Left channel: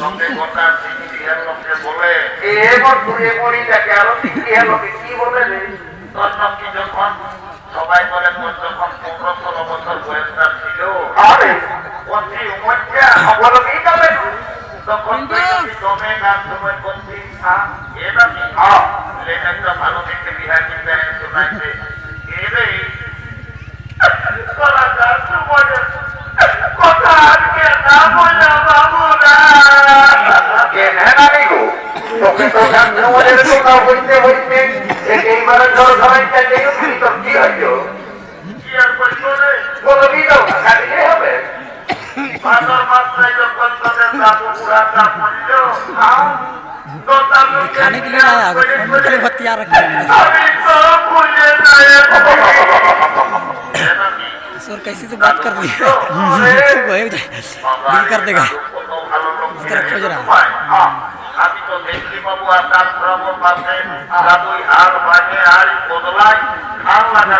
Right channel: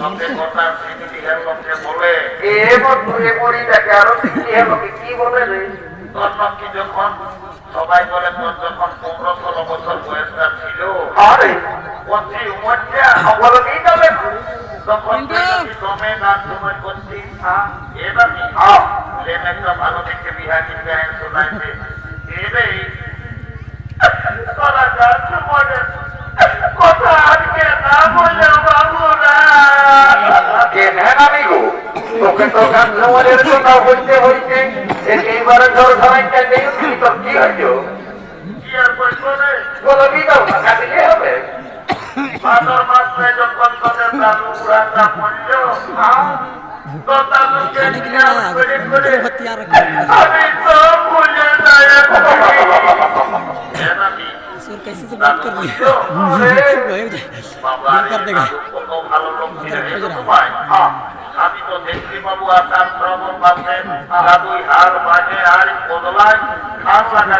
লোকে কথা সিটিয়ার লোককে বলে এবার তুই পড়িটাকে আরো সিটিয়ার লোকে কি বলে রে তোর নাম কি যখন সবাই বলে তোর যখন 15-16 বছর বয়সটা ছিল আরে বলছি উমরটা অবলম্বী যাবে তখন তুমি গাছ তোমার করছি এবার লেন একটা ভালো দেখে বিহার দিতে শোনাইছে এরে কলা গাছ তোমার কথা আজকে না বলে বাবু না কেন আমি গো তোকে তো গান্ধমলের কথা বলতে বলতে এইবারে জ্বর ধরাইতে নেই তোর কি হইল কি আর বলছো রে বলো দিদাও না কাটিয়ে হবে ভাদর মাসটায় যখন তোদের দাদু বুড়াটা বলল তো তার আমি তো ভুলে যাই सर कैसे से बात कर रही है दिल कर देगा खोज रहा আমি তো দেখলি বাবু আকাশ ভ্রমণ পাশে দাদুই হাল বাজে আর বদলায় খাল লাগা